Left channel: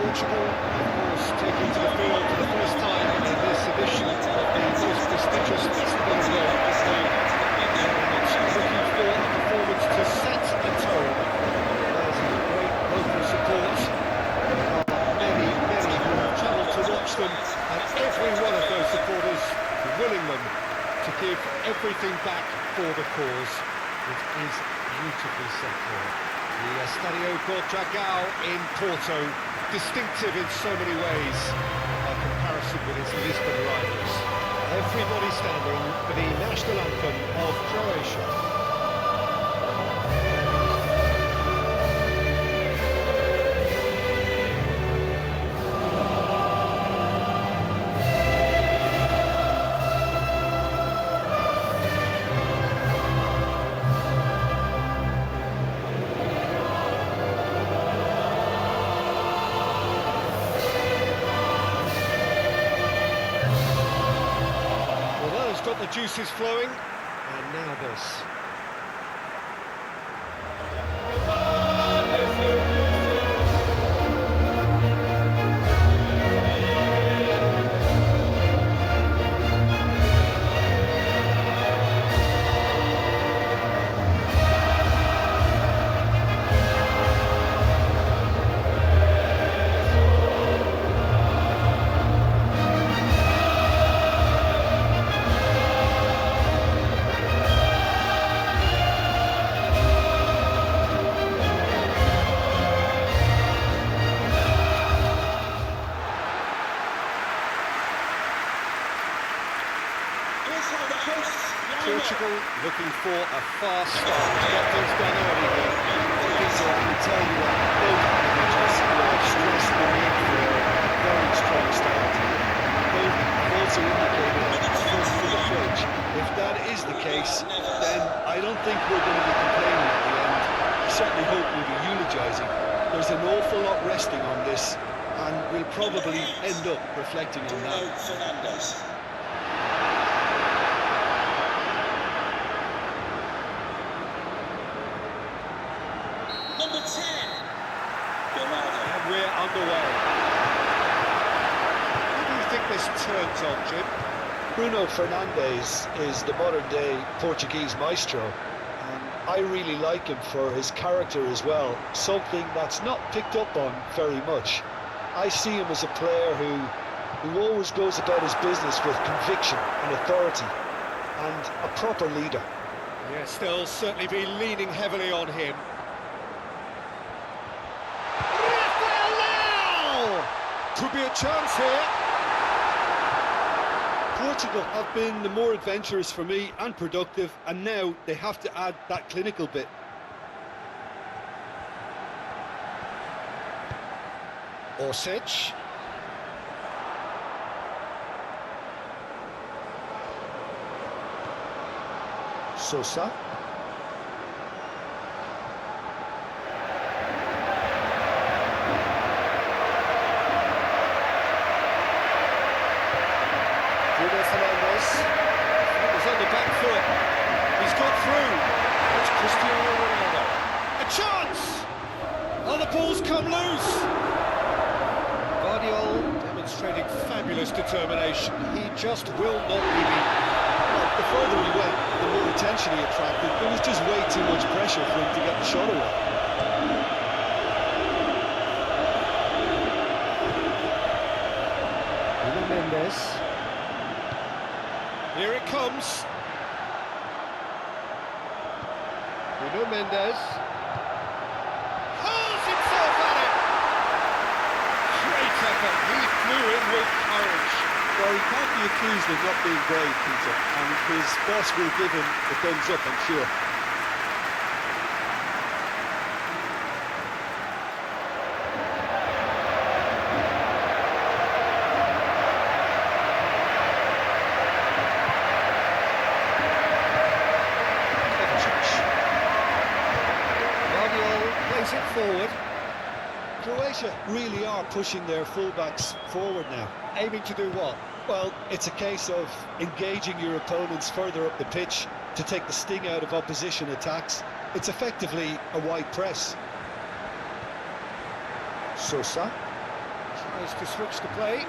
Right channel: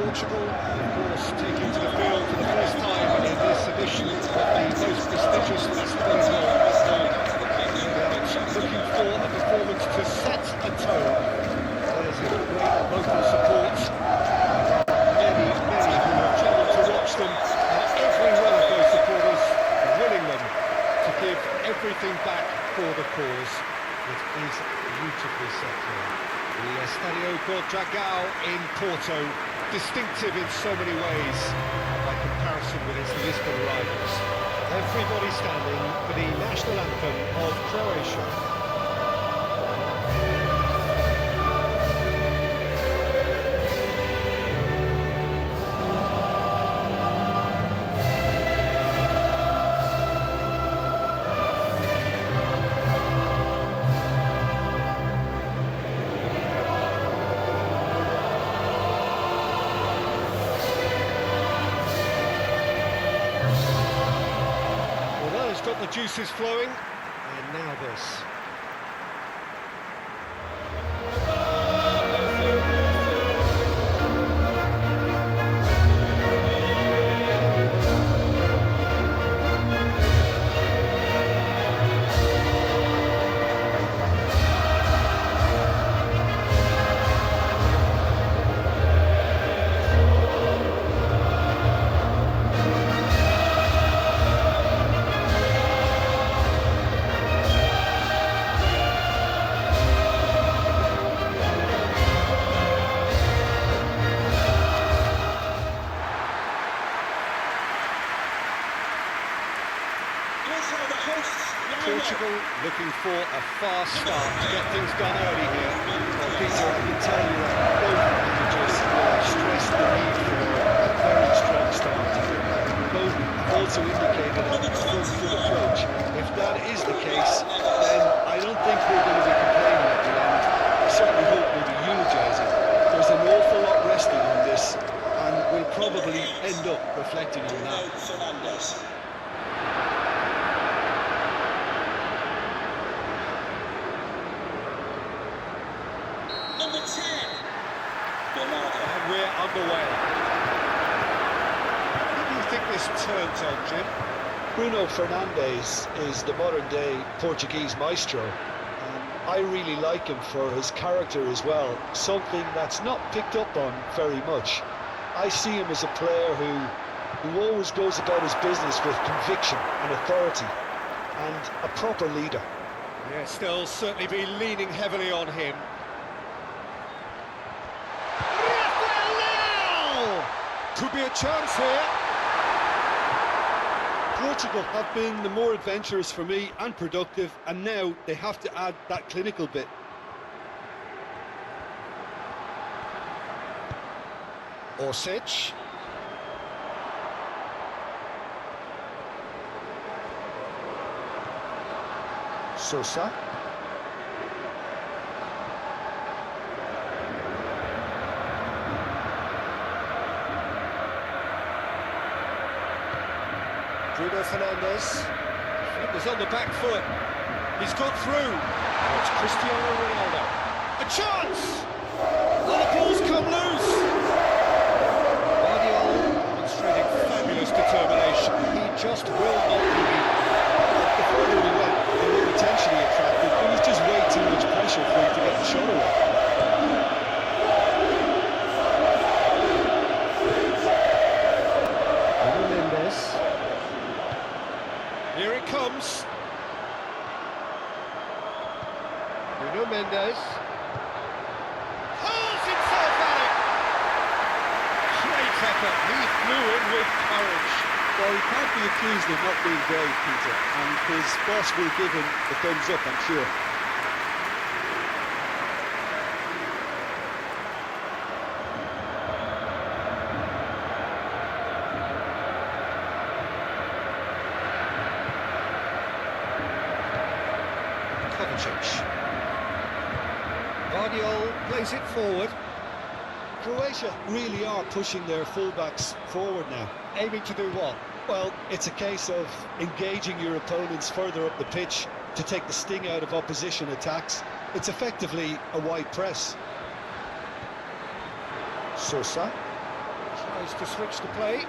Portugal, of course, taking to the field for the first time in this edition of the most prestigious festival in world football. No doubt looking for a performance to set a tone. There's great local support. There are many who have travelled to watch them, and every one of those supporters willing them to give everything back for the cause. It is beautifully set here. The Estadio Dragão in Porto, distinctive in so many ways by comparison with its Lisbon rivals. Everybody standing for the national anthem of Croatia. It's got the juices flowing, and now this. Portugal looking for a fast start to get things done early here. Well, Peter, I can tell you that both managers will have stressed the need for a very strong start. Both have also indicated a front foot approach. If that is the case, then I don't think we're going to be complaining at the end. I certainly hope we'll be eulogising. There's an awful lot resting on this, and we'll probably end up reflecting on that. Number 10, Bernardo. And we're underway. Who do you think this turns on, Jim? Bruno Fernandes is the modern-day Portuguese maestro, and I really like him for his character as well, something that's not picked up on very much. I see him as a player who always goes about his business with conviction and authority, and a proper leader. Yes, they'll certainly be leaning heavily on him. Could be a chance here. Portugal have been the more adventurous for me and productive, and now they have to add that clinical bit. Orsic. Sosa. Bruno Fernandes. He's on the back foot. He's got through. It's Cristiano Ronaldo. A chance! Oh, the ball's come loose. Guardiola demonstrating fabulous determination. He just will not be beaten. Well, the further he went, the more attention he attracted. There was just way too much pressure for him to get the shot away. Nuno Mendes. Here it comes. Nuno Mendes. Hurls himself at it! Great effort. He flew in with courage. Well, he can't be accused of not being brave, Peter, and his boss will give him the thumbs up, I'm sure. Guardiola plays it forward. Croatia really are pushing their fullbacks forward now. Aiming to do what? Well, it's a case of engaging your opponents further up the pitch to take the sting out of opposition attacks. It's effectively a wide press. Sosa. Tries to switch the play.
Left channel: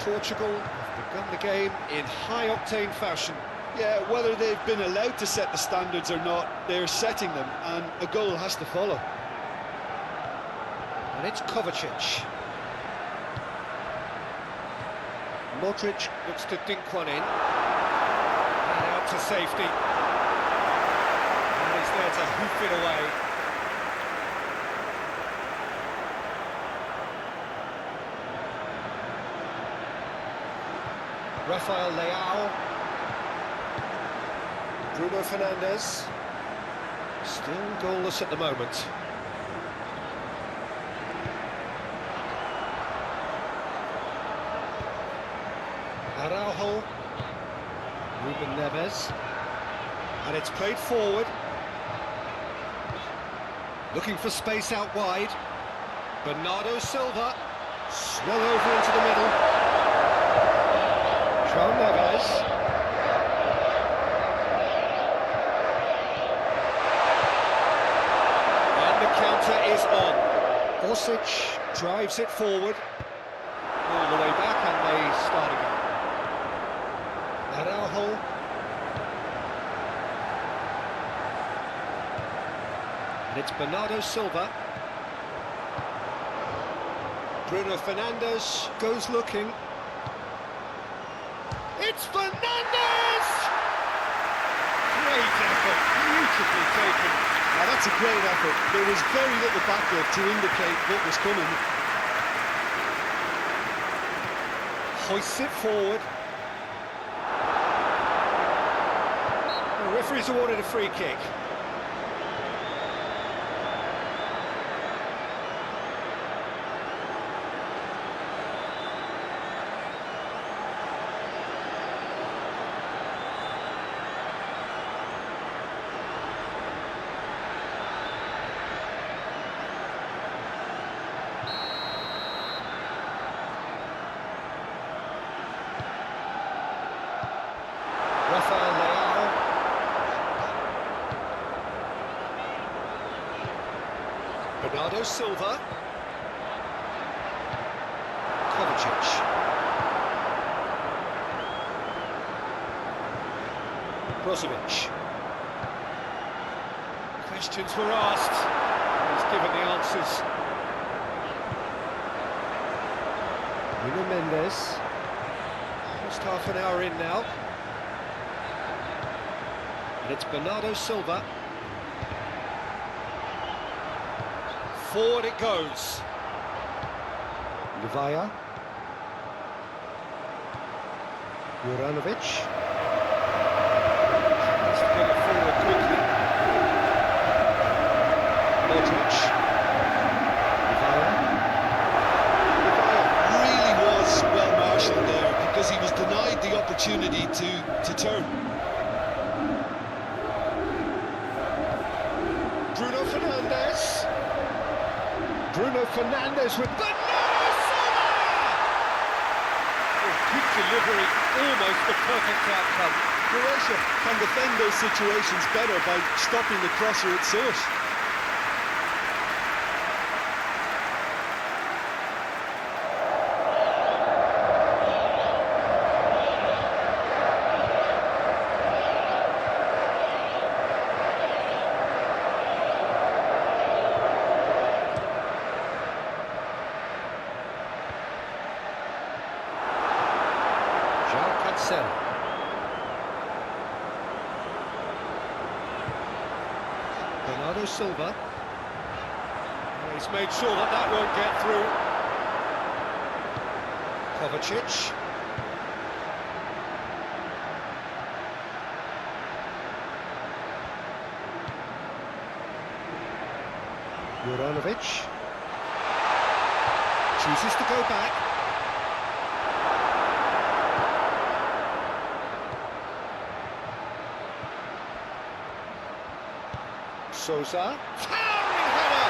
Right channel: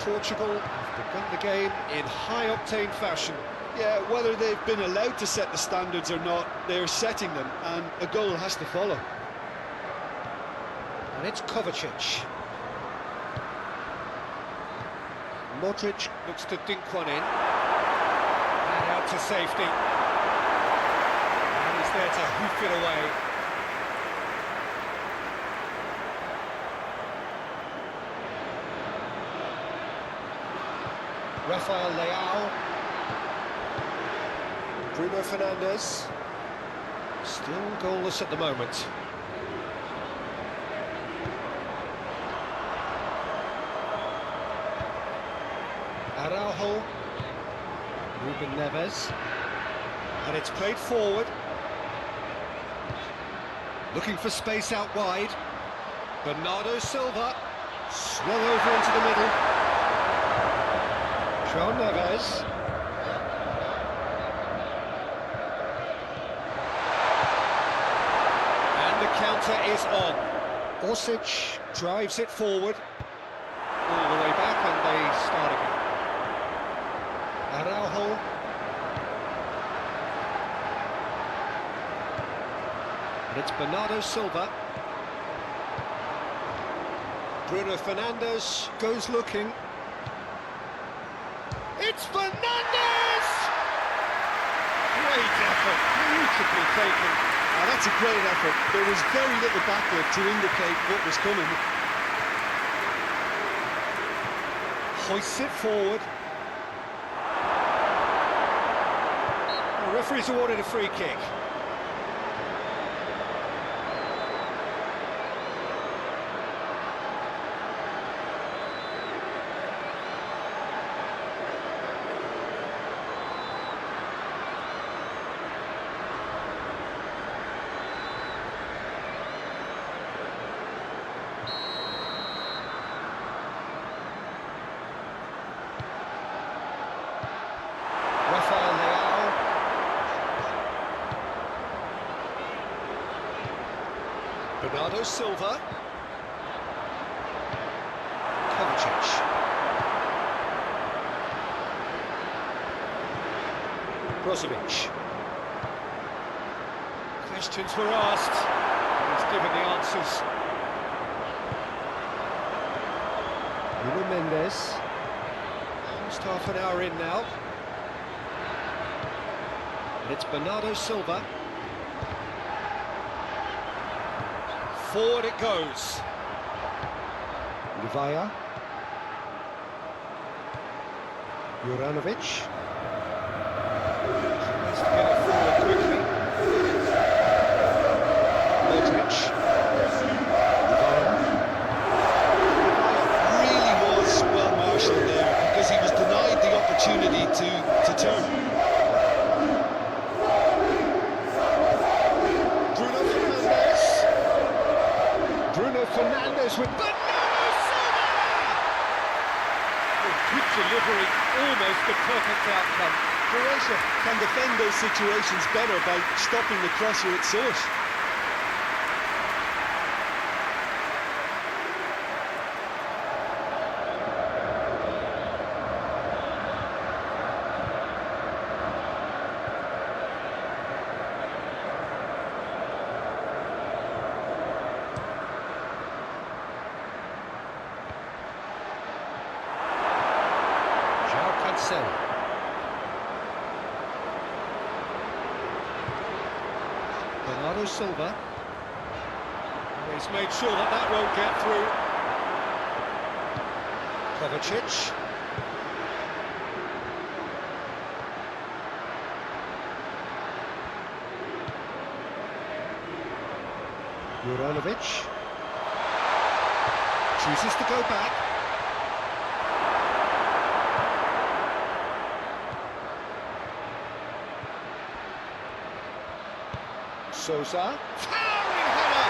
Portugal have begun the game in high-octane fashion. Yeah, whether they've been allowed to set the standards or not, they're setting them, and a goal has to follow. And it's Kovacic. Modric looks to dink one in. And out to safety. And he's there to hoof it away. Rafael Leao. Bruno Fernandes. Still goalless at the moment. Araujo. Ruben Neves. And it's played forward. Looking for space out wide. Bernardo Silva. Swung over into the middle. João Neves. And the counter is on. Orsic drives it forward. All the way back, and they start again. Araujo. And it's Bernardo Silva. Bruno Fernandes goes looking. It's Fernandes! Great effort, beautifully taken. That's a great effort. There was very little backlift to indicate what was coming. Hoists it forward. The referee's awarded a free kick. Rafael Leao. Bernardo Silva. Kovacic. Brozovic. Questions were asked, and he's given the answers. Nuno Mendes. Almost half an hour in now. And it's Bernardo Silva. Forward it goes. Livaya. Juranovic. Tries to get it forward quickly. Modric. Livaya. Livaya really was well marshalled there because he was denied the opportunity to turn. Bruno Fernandes with Bernardo Silva! Oh, good delivery, almost the perfect outcome. Croatia can defend those situations better by stopping the crosser at source. João Cancelo. Bernardo Silva. And he's made sure that that won't get through. Kovacic. Juranovic. Chooses to go back. Sousa. Towering header!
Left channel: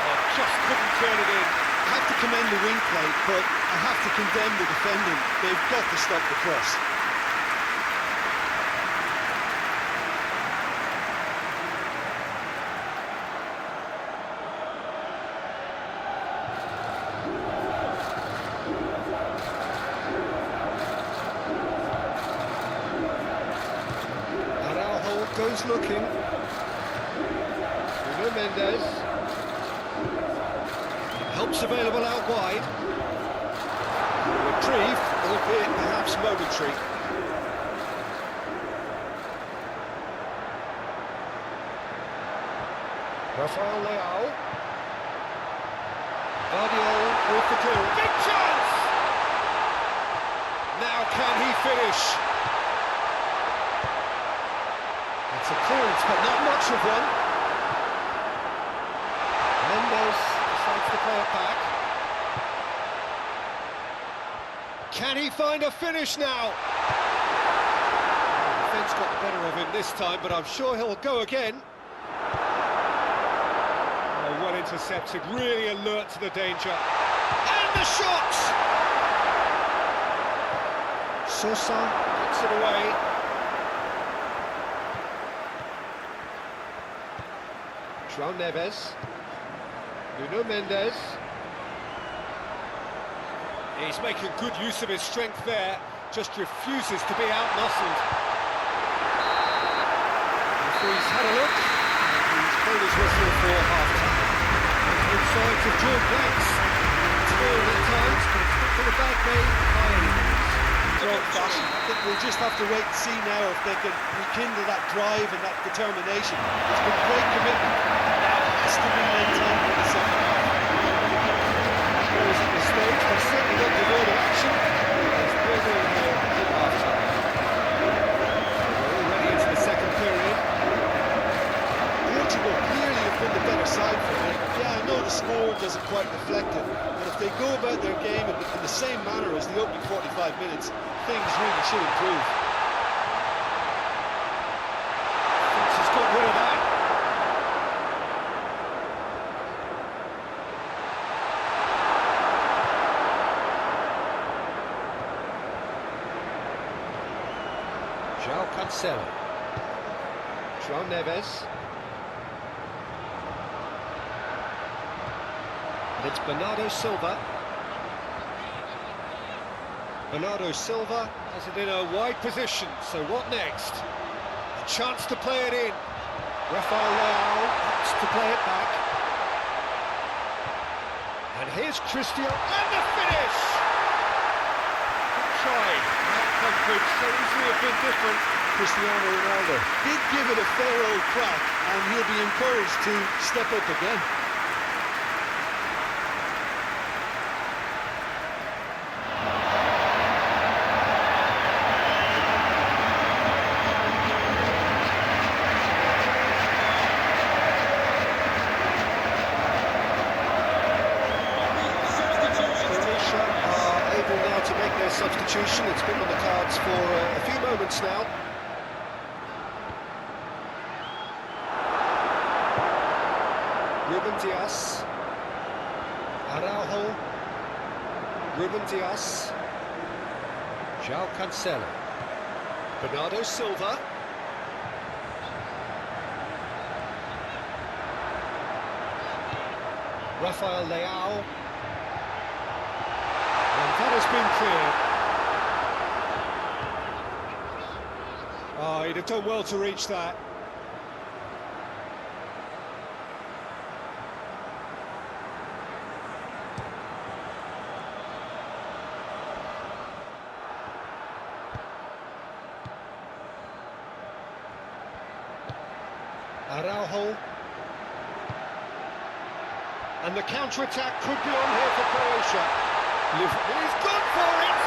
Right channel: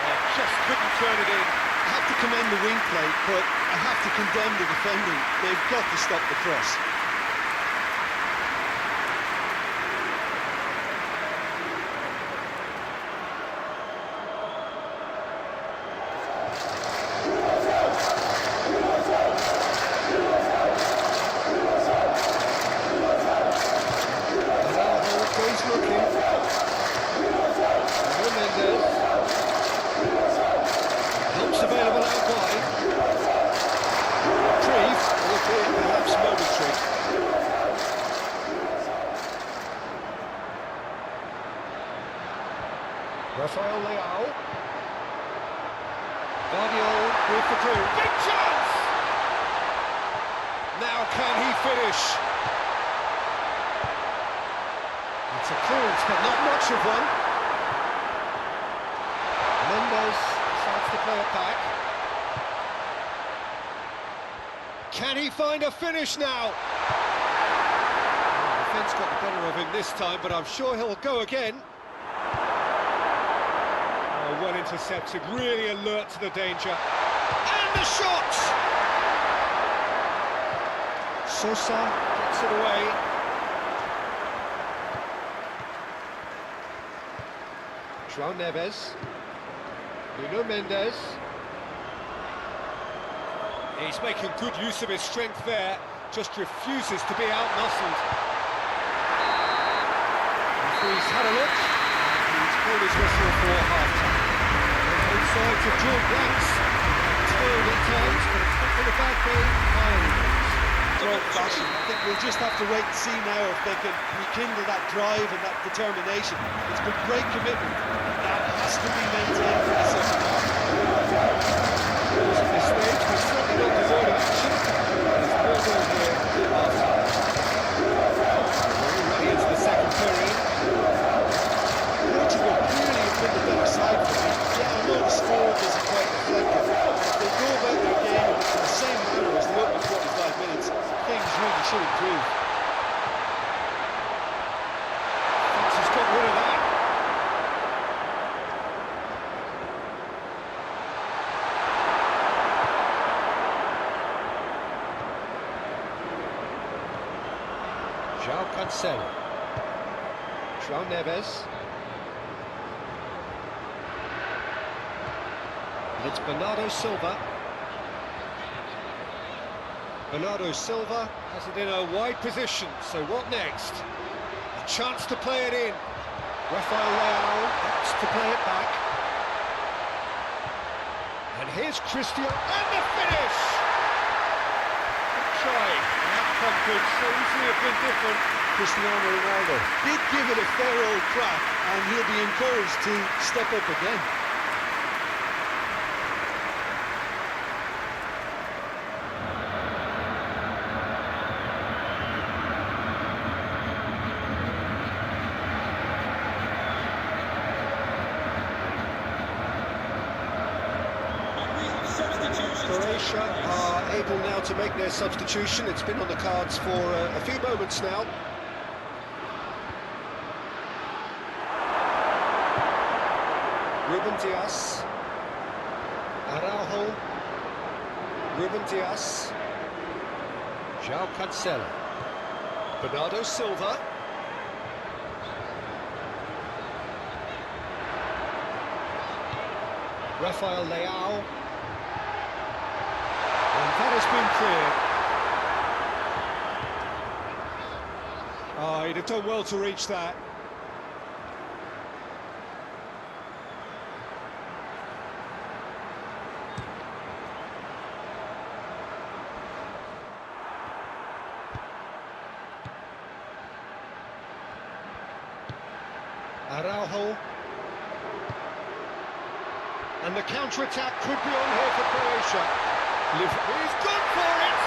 Oh, just couldn't turn it in. I have to commend the wing play, but I have to condemn the defending. They've got to stop the cross. he's looking. Nuno Mendes. Help's available out wide. Reprieve, albeit perhaps momentary. Rafael Leao. Guardiola with the clearance. Big chance! Now can he finish? It's a clearance, but not much of one. Mendes decides to play it back. Can he find a finish now? The defence got the better of him this time, but I'm sure he'll go again. Oh, well intercepted, really alert to the danger. And the shot! Sosa gets it away. João Neves. Nuno Mendes. He's making good use of his strength there, just refuses to be out-muscled. The referee's had a look, and he's blown his whistle for half-time. Both sides have drawn blanks, toiled at times, but it's not been a bad day by any means. Strong fashion. I think we'll just have to wait and see now if they can rekindle that drive and that determination. It's been great commitment. Now it has to be maintained in the second half. Goals at this stage, but certainly not devoid of action. There's 0-0 here at half-time. We're already into the second period. Portugal clearly have been the better side for me. Yeah, I know the score doesn't quite reflect it, but if they go about their game in the same manner as the opening 45 minutes, things really should improve. Thinks he's got rid of that. João Cancelo. João Neves. And it's Bernardo Silva. Bernardo Silva has it in a wide position, so what next? A chance to play it in. Rafael Leao opts to play it back. And here's Cristiano, and the finish! Good try, the outcome could so easily have been different. Cristiano Ronaldo did give it a fair old crack, and he'll be encouraged to step up again. Croatia are able now to make their substitution. It's been on the cards for a few moments now. Ruben Dias. Araujo. Ruben Dias. João Cancelo. Bernardo Silva. Rafael Leao. And that has been cleared. Oh, he'd have done well to reach that. Araujo. And the counter-attack could be on here for Croatia. He's gone for it!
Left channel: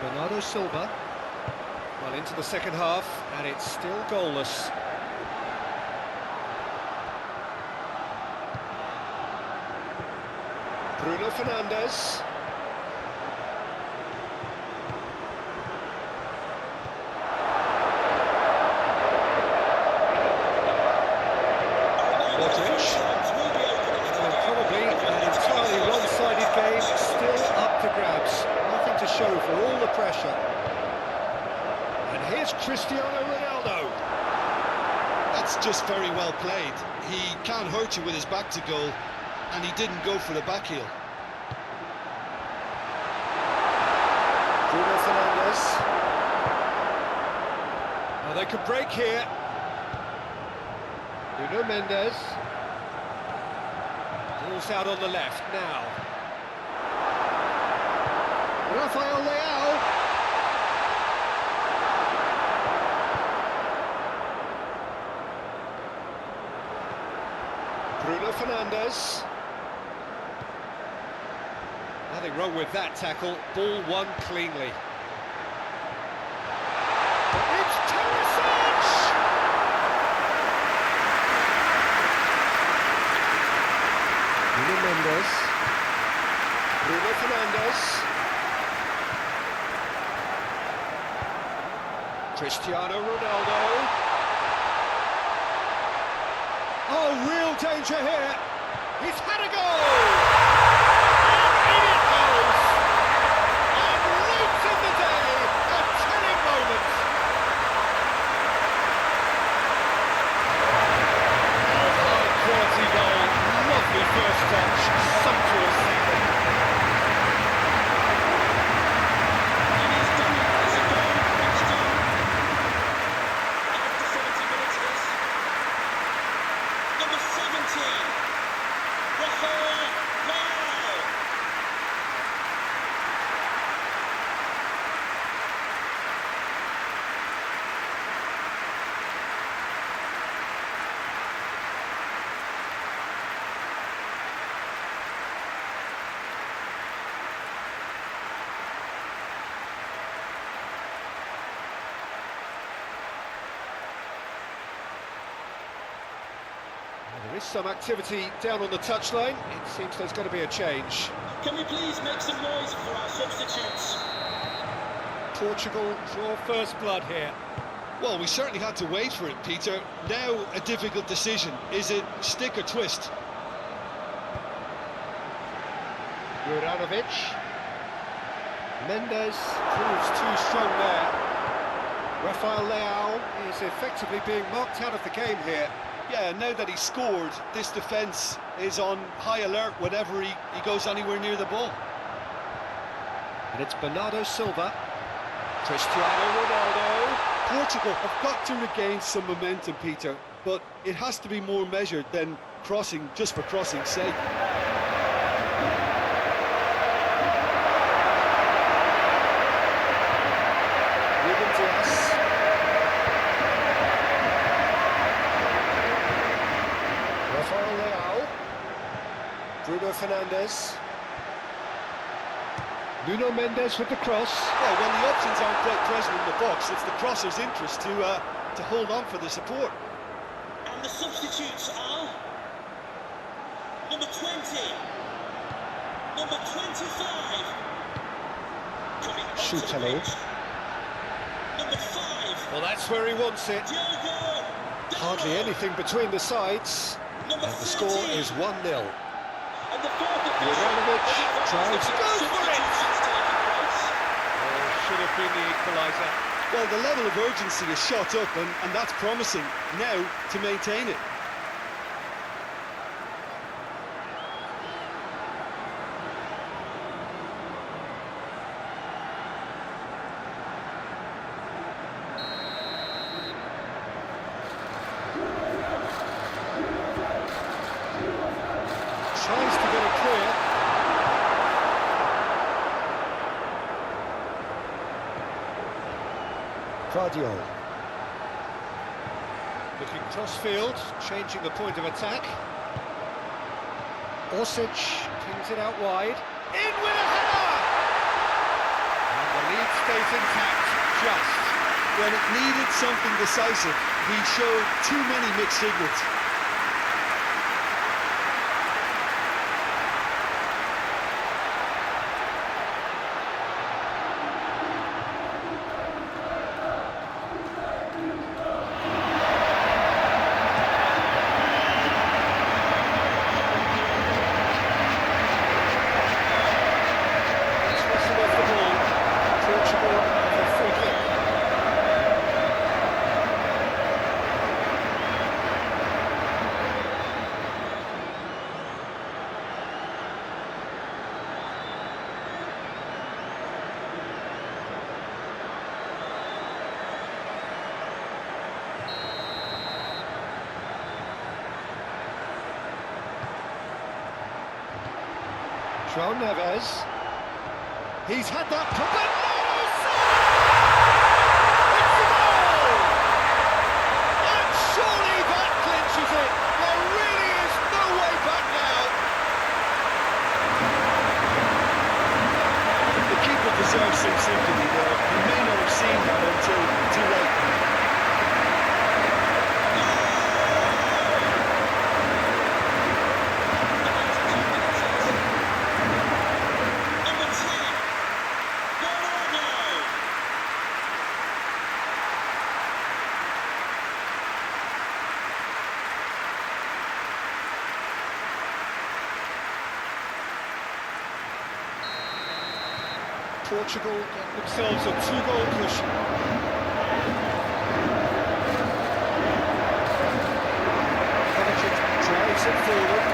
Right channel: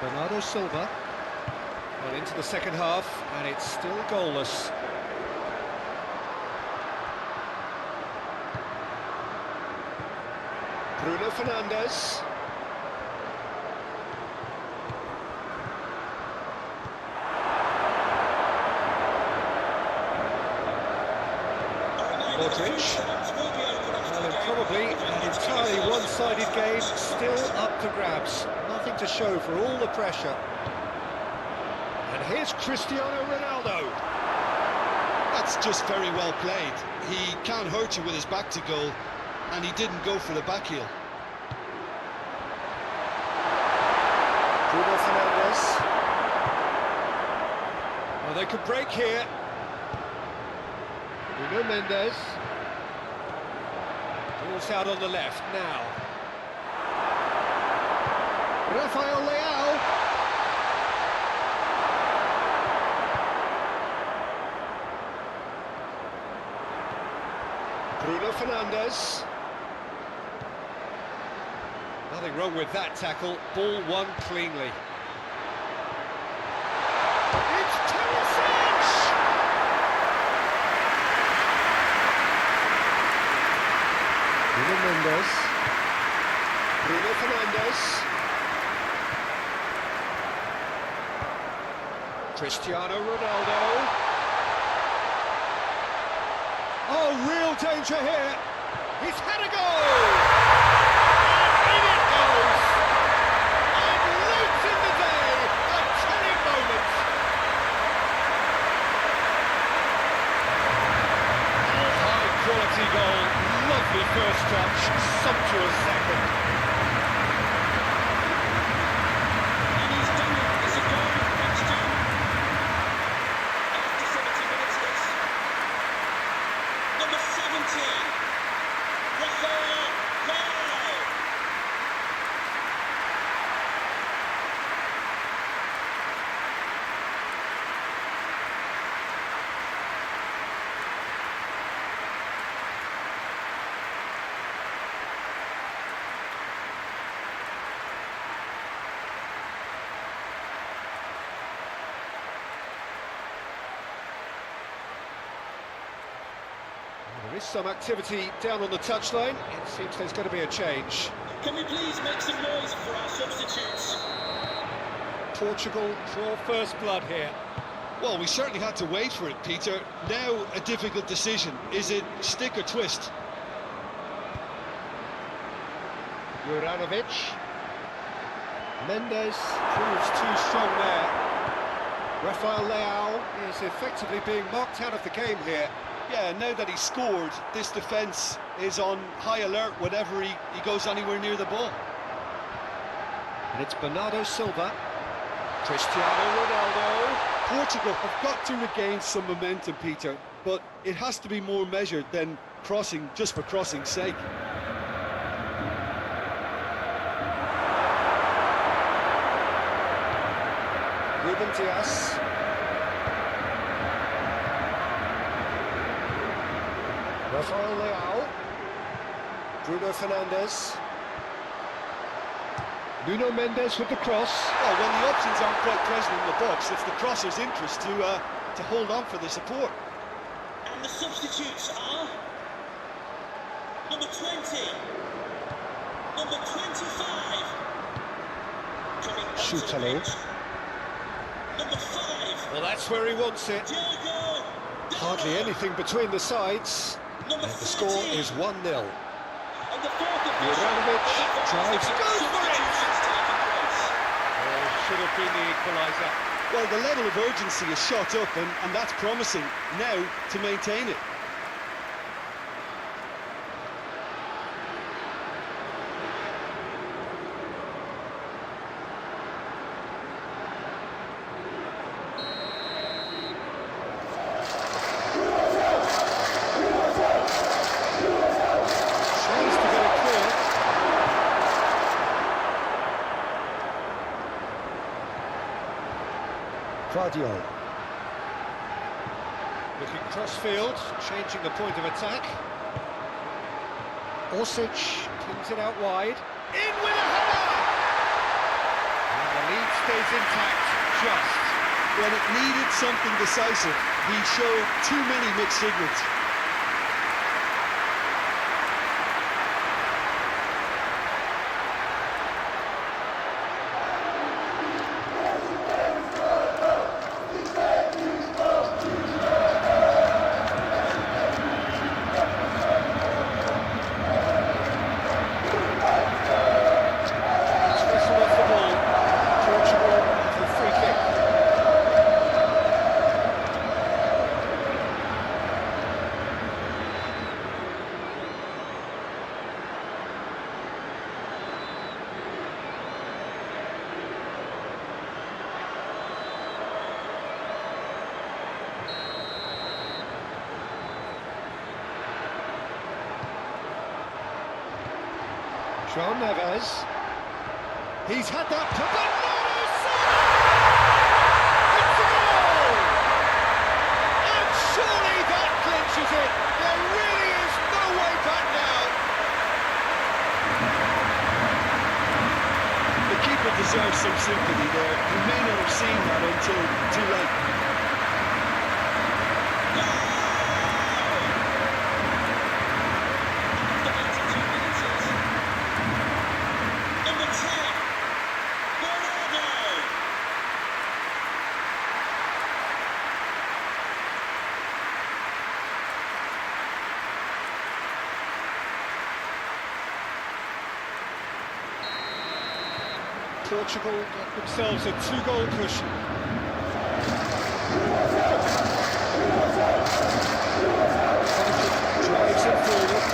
Bernardo Silva. Well, into the second half, and it's still goalless. Bruno Fernandes. Modric. Well, probably an entirely one-sided game, still up for grabs. Nothing to show for all the pressure. And here's Cristiano Ronaldo. That's just very well played. He can't hurt you with his back to goal, and he didn't go for the back heel. Bruno Fernandes. Oh, they could break here. Nuno Mendes. Ball's out on the left now. Rafael Leao. Bruno Fernandes. Nothing wrong with that tackle. Ball won cleanly. It's Teresic! Nuno Mendes. Bruno Fernandes. Cristiano Ronaldo. Oh, real danger here. He's had a go! And in it goes! And late in the day, a telling moment. Oh, high quality goal. Lovely first touch, sumptuous second. And he's done it. It's a goal. That's done. After 70 minutes is number 17, Rafael Leao. There is some activity down on the touchline. It seems there's going to be a change. Can we please make some noise for our substitutes? Portugal draw first blood here. Well, we certainly had to wait for it, Peter. Now a difficult decision. Is it stick or twist? Juranovic. Mendes proves too strong there. Rafael Leao is effectively being marked out of the game here. Yeah, now that he scored, this defence is on high alert whenever he goes anywhere near the ball. And it's Bernardo Silva. Cristiano Ronaldo. Portugal have got to regain some momentum, Peter, but it has to be more measured than crossing just for crossing's sake. Ruben Dias. Rafael Leao. Bruno Fernandes. Nuno Mendes with the cross. Well, when the options aren't quite present in the box, it's the crosser's interest to hold on for the support. And the substitutes are number 20, number 25, coming onto the Shootalo. pitch, number 5, Well, that's where he wants it. Diogo Hardly Dalot. anything between the sides. Number And the score 13. is 1-0. And the fourth official Juranovic has advised drives, that goes for it! substitutions taking place. Oh, should have been the equaliser. Well, the level of urgency is shot up, and that's promising. Now to maintain it. Tries to get it clear. Claudio. Looking cross-field, changing the point of attack. Orsic pins it out wide. In with a header! And the lead stays intact, just. When it needed something decisive, he showed too many mixed signals. Whistle off the ball. Portugal have a free kick. João Neves. He's had that. Bernardo Silva! It's a goal! And surely that clinches it. There really is no way back now. The keeper deserves some sympathy there. He may not have seen that until too late. Number 10, Bernardo. Portugal get themselves a two-goal cushion. Kovacic drives it forward.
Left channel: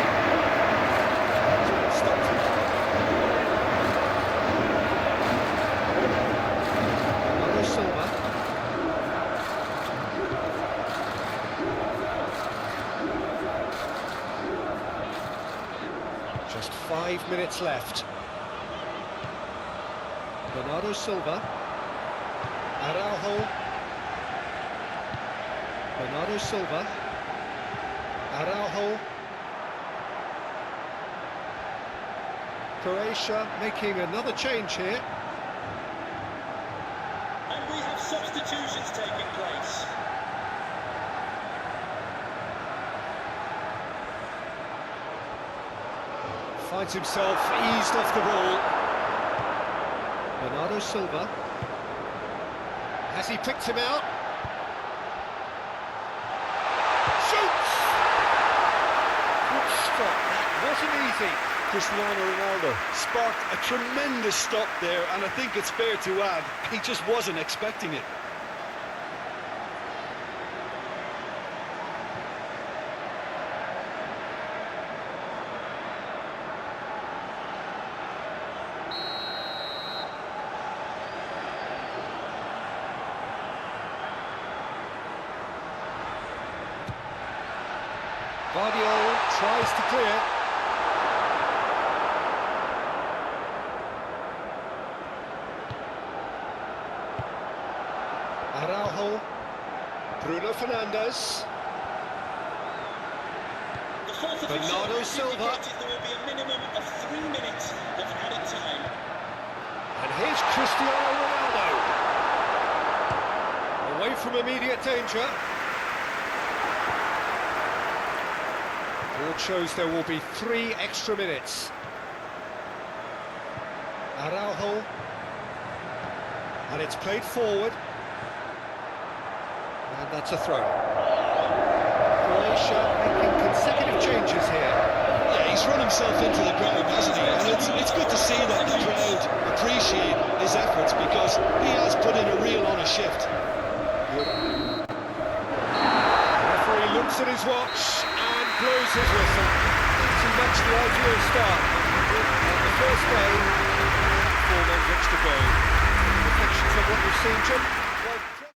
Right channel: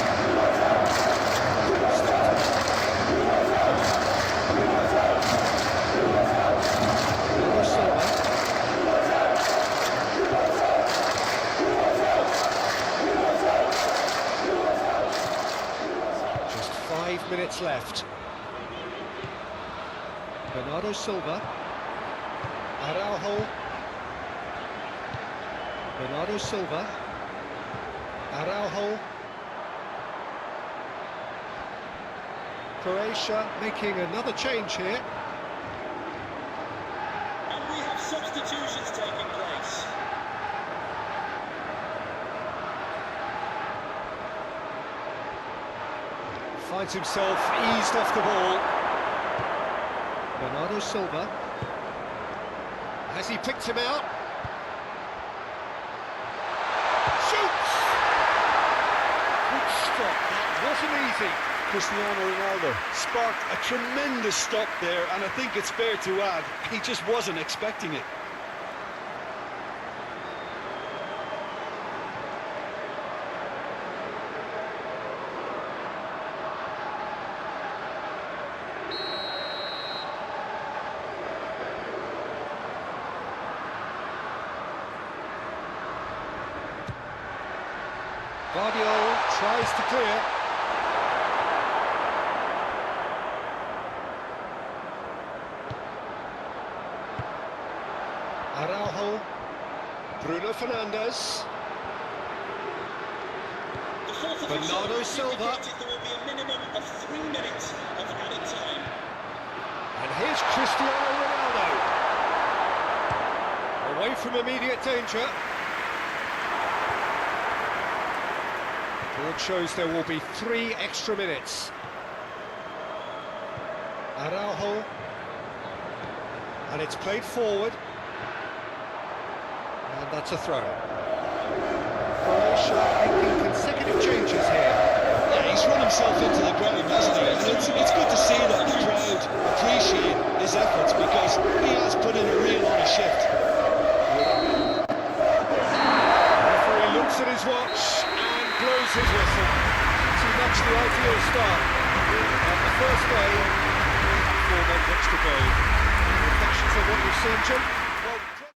Bernardo Silva. Just 5 minutes left. Bernardo Silva. Araujo. Bernardo Silva. Araujo. Croatia making another change here. And we have substitutions taking place. Finds himself eased off the ball. Bernardo Silva. Has he picked him out? Shoots! Good stop, that wasn't easy. Cristiano Ronaldo sparked a tremendous stop there, and I think it's fair to add, he just wasn't expecting it. Guardiola tries to clear. Araujo. Bruno Fernandes. The fourth official Bernardo has Silva. indicated there will be a minimum of 3 minutes of added time. And here's Cristiano Ronaldo. Away from immediate danger. Board shows there will be 3 extra minutes. Araujo. And it's played forward. And that's a throw. Croatia making consecutive changes here. Yeah, he's run himself into the ground, hasn't he? And it's good to see that the crowd appreciate his efforts, because he has put in a real honest shift. Referee looks at his watch and blows his whistle. Pretty much the ideal start on the first day. Form ends extra goal. Any reflections on what you've seen, Jim?